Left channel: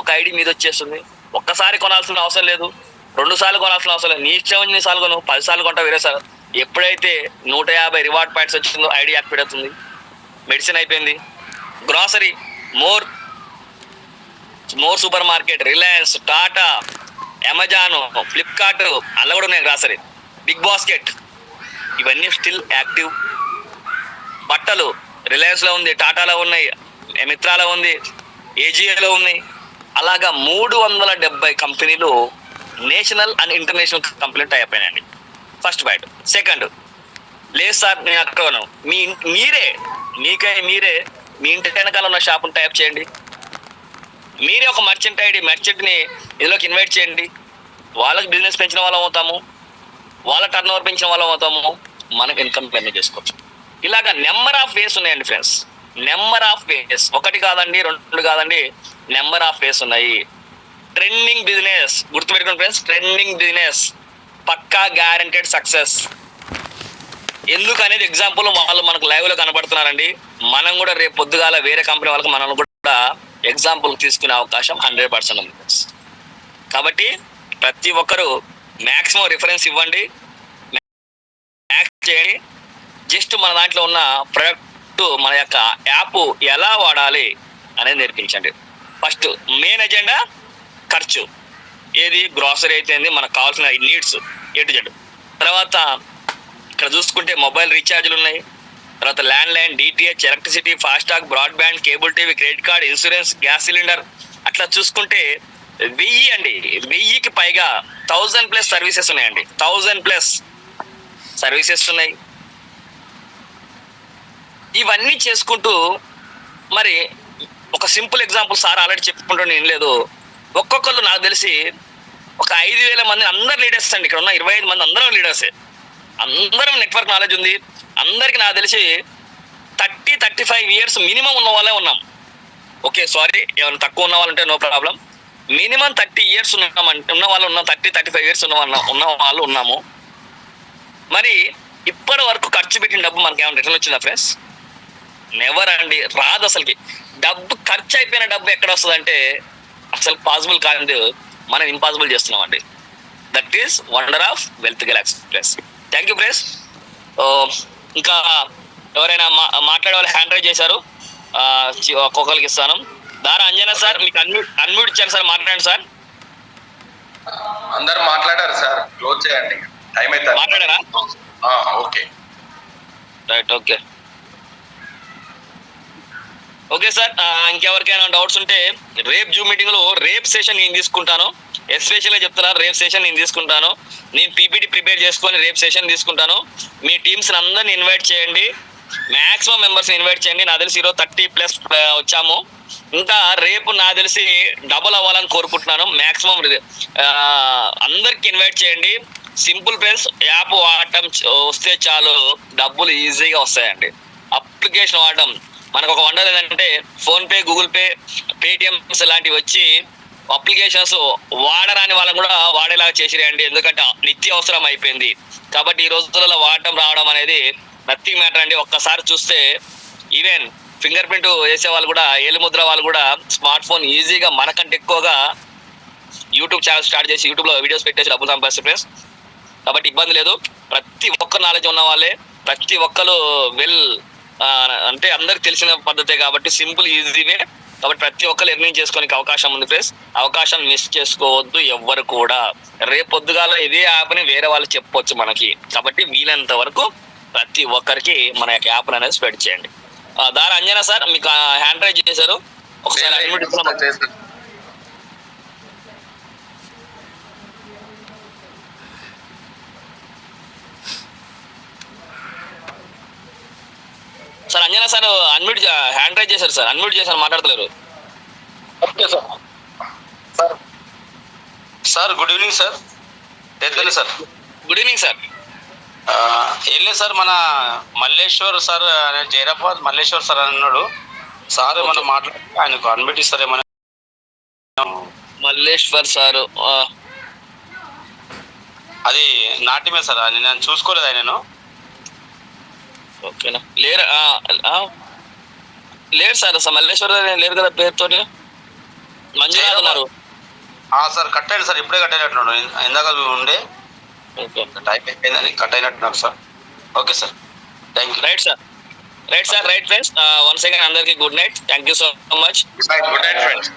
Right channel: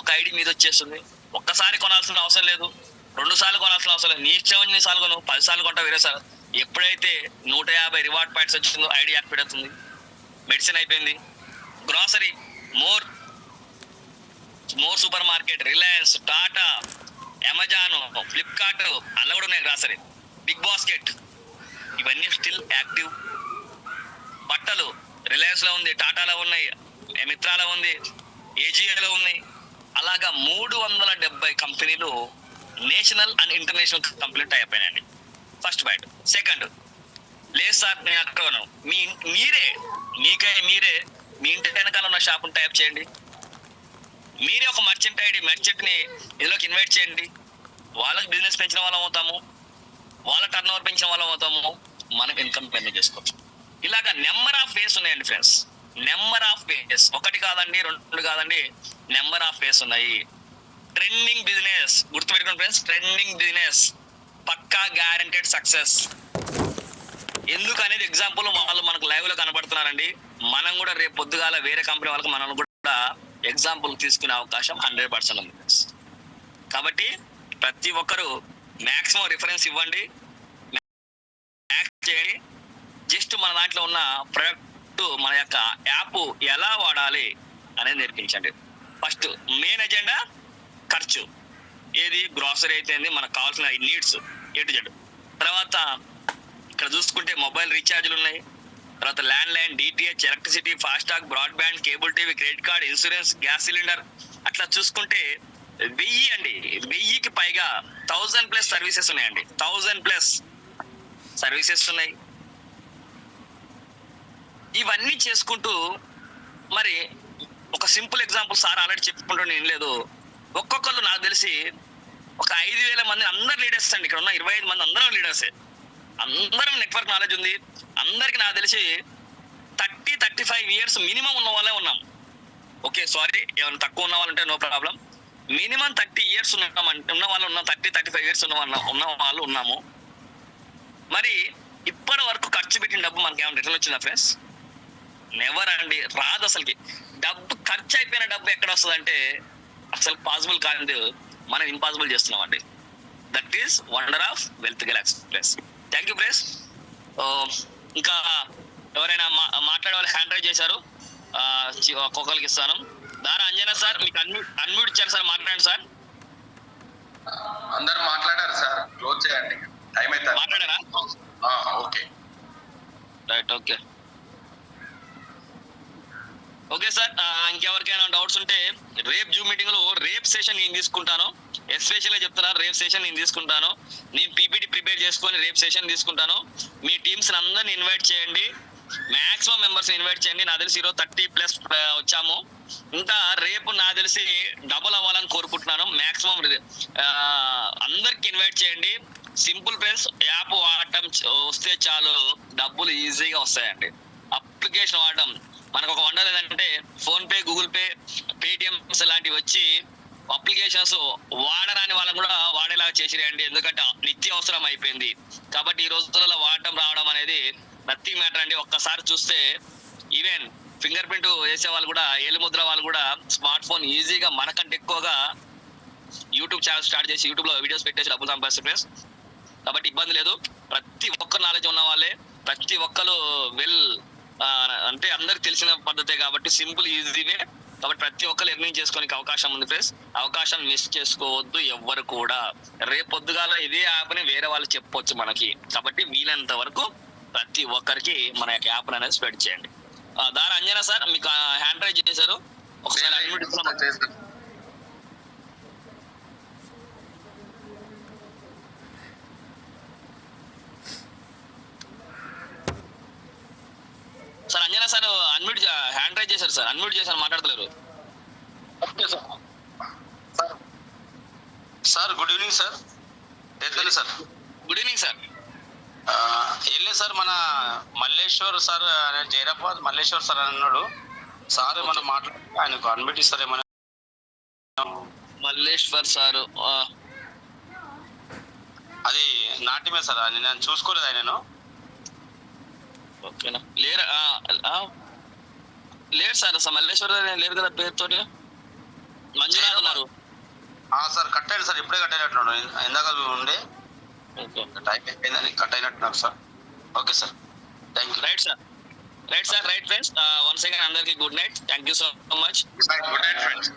ఒక ఐడి మీద వచ్చేస్తుంది. ఒక్కసారి కొనాల్సిన అవసరం లేదు, 2 సార్లు కొనాల్సిన అవసరం లేదు. నీ ఇష్టం ఎన్ని సార్లు కొను, 10 సార్లు కొంటా వేరే సార్. ఎప్పుడైతే 150 రివార్డ్ పాయింట్స్ వచ్చిందో ఐడి యాక్టివేట్ అవుతుంది. మెడిసిన్ అయిపోయింది. Grocery, more super market, Reliance, Tata, Amazon, Flipkart, అలా కూడా ఉన్నాయి గ్రాసరీ. బిగ్ బాస్కెట్, ఇవన్నీ స్టిల్ యాక్టివ్. బట్టలు రిలయన్స్లో ఉంది, టాటాలో ఉన్నాయి, మిత్రాలో ఉంది, ఏజియోలో ఉన్నాయి. అలాగా 370 కంపెనీలు నేషనల్ అండ్ ఇంటర్నేషనల్ కంపెనీలు టై అయిపోయినాయండి. First point. సెకండ్, లేదు సార్ నేను అక్కడ మీరే మీ ఇంటి వెనకాల ఉన్న షాప్ని టైప్ చేయండి. మీరే ఒక మర్చెంట్ ఐడి, మర్చెంట్ని ఇందులోకి ఇన్వైట్ చేయండి. వాళ్ళకి బిజినెస్ పెంచిన వాళ్ళం అవుతాము, వాళ్ళ టర్న్ ఓవర్ పెంచిన వాళ్ళం అవుతాము, మనకు ఇన్కమ్ పెండ్ చేసుకోవచ్చు. ఇలాగా నెంబర్ ఆఫ్ వేస్ ఉన్నాయండి ఫ్రెండ్స్, నెంబర్ ఆఫ్ వేస్. 1 కాదండి, 2 కాదండి, నెంబర్ ఆఫ్ వేస్ ఉన్నాయి. ట్రెండింగ్ బిజినెస్ గుర్తుపెట్టుకోండి ఫ్రెండ్స్, ట్రెండింగ్ బిజినెస్ పక్కా గ్యారెంటెడ్ సక్సెస్. ఎందుకు అనేది ఎగ్జాంపుల్ వాళ్ళు మనకు లైవ్ లో కనబడుతున్నారండి. మనం కూడా రేపు పొద్దుగాల వేరే కంపెనీ వాళ్ళకి మనం కూడా ఎగ్జాంపుల్ తీసుకునే అవకాశం 100% ఉంది. కాబట్టి ప్రతి ఒక్కరు మ్యాక్సిమం రిఫరెన్స్ ఇవ్వండి, చేయండి. జస్ట్ మన దాంట్లో ఉన్న ప్రొడక్ట్, మన యొక్క యాప్ ఎలా వాడాలి అనేది నేర్పించండి. ఫస్ట్ మెయిన్ ఎజెండా ఖర్చు, ఏది గ్రాసరీ అయితే మనకు కావాల్సిన నీడ్స్ A to Z. తర్వాత ఇక్కడ చూసుకుంటే మొబైల్ రీఛార్జ్లు ఉన్నాయి, తర్వాత land line, DTH, electricity, FASTag, broadband, cable TV, credit card, insurance, gas cylinder. అట్లా చూసుకుంటే 1000కి పైగా 1000+ సర్వీసెస్ ఉన్నాయండి. 1000+ సర్వీసెస్ ఉన్నాయి. ఇవన్నీ చేసుకుంటూ మరి ఒక సింపుల్ ఎగ్జాంపుల్ సార్ ఆల్రెడీ చెప్పుకుంటూ నేను లేదు, ఒక్కొక్కరు నాకు తెలిసి ఒక 5000 మంది అందరు లీడర్స్ అండి. ఇక్కడ ఉన్న 25 మంది అందరం లీడర్సే, అందరం నెట్వర్క్ నాలెడ్జ్ ఉంది. అందరికి నాకు తెలిసి 30-35 ఇయర్స్ మినిమం ఉన్న వాళ్ళే ఉన్నాం. ఓకే సారీ, ఏమైనా తక్కువ ఉన్న వాళ్ళంటే నో ప్రాబ్లం. మినిమం 30 ఇయర్స్ ఉన్న వాళ్ళు ఉన్నాం, 30-35 ఇయర్స్ ఉన్న వాళ్ళు ఉన్నాము. మరి ఇప్పటి వరకు ఖర్చు పెట్టిన డబ్బు మనకి ఏమైనా రిటర్న్ వచ్చిందా ఫ్రెండ్స్? నెవర్ అండి, రాదు అసలుకి. డబ్బు ఖర్చు అయిపోయిన డబ్బు ఎక్కడ వస్తుంది అంటే అసలు పాసిబుల్ కాదు, మనం ఇంపాసిబుల్ చేస్తున్నాం అండి. That is wonder of wealth Galaxy plus. Thank you friends. ఇంకా ఎవరైనా మాట్లాడే వాళ్ళు హ్యాండ్ రైజ్ చేశారు, ఒక్కొక్కరికి ఇస్తాను. దారా అంజనా సార్, మీకు అన్మ్యూట్ ఇచ్చారు సార్, మాట్లాడండి సార్. అందరు మాట్లాడారు సార్, క్లోజ్ చేయండి, టైం అయితే. మాట్లాడారా? Okay right, okay okay sir. ఇంకెవరికైనా డౌట్స్ ఉంటే రేపు జూమ్ మీటింగ్ లో రేపు సెషన్ నేను తీసుకుంటాను. ఎస్పెషల్గా చెప్తున్నాను, రేపు సెషన్ నేను తీసుకుంటాను. నేను PPT ప్రిపేర్ చేసుకొని రేపు సెషన్ తీసుకుంటాను. మీ టీమ్స్ అందరిని ఇన్వైట్ చేయండి, మ్యాక్సిమం మెంబర్స్ ఇన్వైట్ చేయండి. నాకు తెలిసి ఈరోజు 30+ వచ్చాము. ఇంకా రేపు నాకు తెలిసి డబుల్ అవ్వాలని కోరుకుంటున్నాను. మ్యాక్సిమం అందరికి ఇన్వైట్ చేయండి. సింపుల్ ఫ్రెండ్స్, యాప్ వాడటం వస్తే చాలు, డబ్బులు ఈజీగా వస్తాయండి. అప్లికేషన్ వాడడం మనకు ఒక వండర్ ఏంటంటే ఫోన్పే, గూగుల్ పే, పేటిఎంస్ లాంటివి వచ్చి అప్లికేషన్స్ వాడరాని వాళ్ళని కూడా వాడేలాగా చేసిరండి. ఎందుకంటే నిత్య అవసరం అయిపోయింది. కాబట్టి ఈ రోజులలో వాడటం రావడం అనేది నథింగ్ మ్యాటర్ అండి. ఒక్కసారి చూస్తే ఈవెన్ ఫింగర్ ప్రింట్ వేసే వాళ్ళు కూడా, ఏలుముద్ర వాళ్ళు కూడా స్మార్ట్ ఫోన్ ఈజీగా మనకంటే ఎక్కువగా యూట్యూబ్ ఛానల్ స్టార్ట్ చేసి యూట్యూబ్లో వీడియోస్ పెట్టేసి డబ్బులు సంపాదిస్తారు ఫ్రెండ్స్. కాబట్టి ఇబ్బంది లేదు. ప్రతి ఒక్క నాలెడ్జ్ ఉన్న వాళ్ళే, ప్రతి ఒక్కరు అంటే అందరికి తెలిసిన పద్ధతే కాబట్టి సింపుల్ ఈజీవే. కాబట్టి ప్రతి ఒక్కరు ఎర్నింగ్ చేసుకోనికి అవకాశం ఉంది ఫ్రెండ్స్. అవకాశం మిస్ చేసుకోవద్దు ఎవ్వరు కూడా. రేపు పొద్దుగాల ఇదే యాప్ని వేరే వాళ్ళు చెప్పొచ్చు మనకి. కాబట్టి వీలైనంత వరకు ప్రతి ఒక్కరికి మన యొక్క యాప్ అనేది స్ప్రెడ్ చేయండి. దారా అంజనా సార్, మీకు హ్యాండ్ రైజ్ చేశారు, ఒకసారి అన్మ్యూట్ ఇస్తున్నాం. Sir Anjana sir unmute hand raise చేశారు సార్, అన్మ్యూట్ చేశారు, మాట్లాడతలేరు. Okay sir. Sir good evening sir. Sir good evening sir. ఏం లేదు సార్, మన మల్లేశ్వర్ సార్, జైరాబాద్ మల్లేశ్వర్ సార్ అన్నాడు సార్, మనం మాట్లాడి ఆయనకు అన్మ్యూట్ ఇస్తారేమో. మల్లేశ్వర్ సార్ అది నాట్యమే సార్, నేను చూసుకోలేదు ఆయనను. ఓకేనా, లేరు సార్, అసలు మల్లేశ్వర లేరు కదా పేరుతో. మంజునాథ్ ఉన్నారు. సార్ కట్ అయ్యాడు సార్, ఇప్పుడే కట్ అయినట్టున్నాడు, ఇందాక ఉండే ఓకే టైం అయిపోయిందని కట్ అయినట్టున్నారు sir. Okay sir, thank you. Right sir, right friends. Once again అందరికి good night. Thank you so much. Good night friends.